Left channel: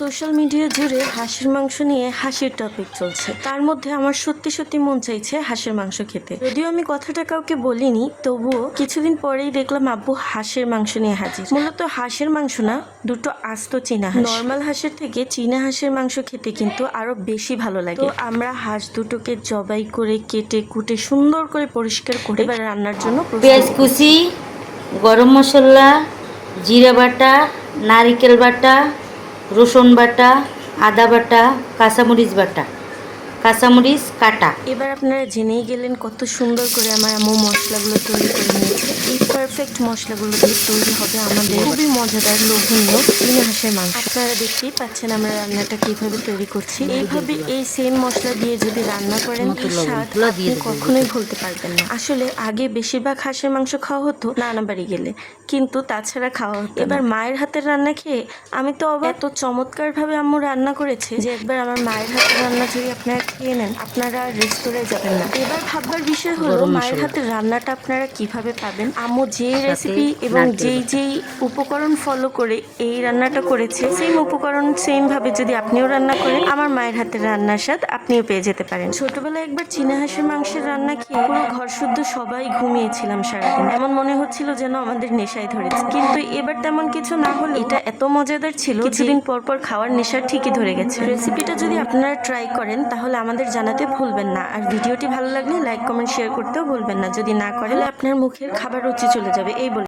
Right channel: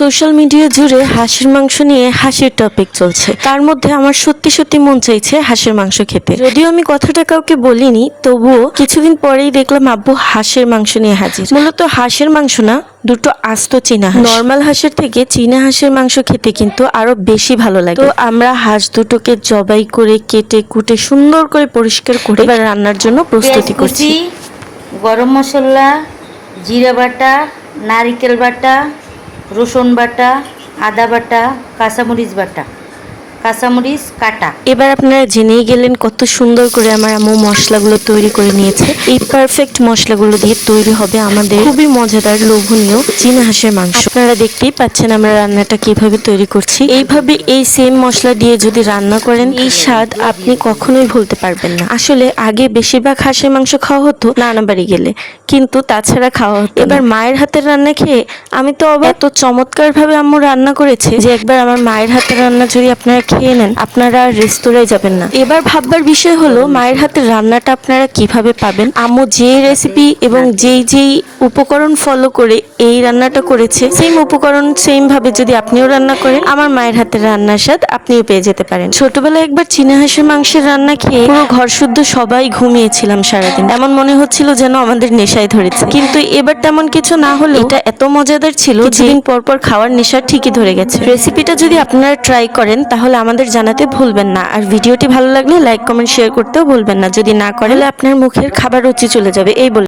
Social media জুড়ে হাঁসের মাংস নিয়ে হাসির টপিক চলছে। তার মধ্যে আমার সত্যি সত্যি মন চাইছে হাঁসের মাংস খেতে। যদিও আমি কথাটা কাউকে বলিনি তবুও কিছুদিন পরেই দেখলাম আব্বু হাঁসের মাংস নিয়ে হাজির। মূলত হাঁসের মাংস না দুটো আস্ত চীনা নর্মাল হাঁসের থেকে চীনা হাঁসের মাংস খেতে কিন্তু আরও বেশি ভালো লাগে। তো আমরা হাঁস দুটোকে জবাই করে কেটে কুটে সুন্দর করে পরিষ্কার করে এবার রান্নার জন্য প্রস্তুতি করছি। কুচি গরম মশলা জিরা বাটা নারিকেল বাটা রসুন বাটা আদা বাটা কাঁচামরিচ বাটা। কাঁচামরিচ কাটা। এবার আপনারা জেনেই গেলেন কত সুন্দর করে আমার আম্মু মশলাগুলো তৈরি করে নিয়েছে। এই পারফেক্ট মশলাগুলো দিয়ে তৈরি হবে আমাদের খুবই মজাদার লোভনীয় চীনা হাঁসের মাংস। আপনারা দেখতেই পাচ্ছেন আমরা রান্নাটা কীভাবে তৈরি করছি। এইভাবে এই সেম মশলা দিয়ে যদি রান্না করেন এই স্বাদ আপনি কখনোই ভুলতে পারবেন না। আসলে আগে বেশিরভাগ হাঁসের মাংস খাওয়া হতো নানা বাড়ি গেলে কিন্তু তাছাড়া খাওয়া হতো এবার মায়ের হাতের রান্না খেয়ে আমি তো অবাক, এত চমৎকার ভাবে আম্মু রান্না করেছে যে একবার আমার মায়ের হাতের রান্না যদি আপনারা খেয়ে নেন আপনারা আর রেস্তোরাঁয় যাবেন না। এবার ভাববার বিষয় হলো মায়ের হাতের রান্নাটা আপনারা কীভাবে পাবেন? আম্মু যে রেসিপি এবং যেই যেই উপকরণ ফলো করে এই রান্নাটা করেছে সেম উপকরণ সেম ভাবে যদি আপনিও রান্না করেন আমার মায়ের হাতের রান্নার স্বাদ আপনিও পেয়ে যেতে পারেন। ছোটবেলায় একবার চীনা হাঁসের মাংসের রান্না খেয়ে পুরো ঘর শুদ্ধ সবাই ঘুমিয়েছিলাম সারাদিন। এমন মনে হচ্ছিল যেন আমাদের নেশায় ধরেছে। কিন্তু এবার তেমন কিছু না হলে এটা এত মজাদার ছিল কিছুদিন পর পর খাওয়ার নেশা ঠিকই ধরে গেছে। রেসিপিটা যদি আপনারা ট্রাই করেন তাহলে আমাদের জানাতে ভুলবেন না। আর ভিডিওটি ভালো লাগলে লাইক, কমেন্ট শেয়ার করতেও ভুলবেন না। যদি না করেন আপনার মুখের খাবার রুচি চলে যাবে। এই বলে।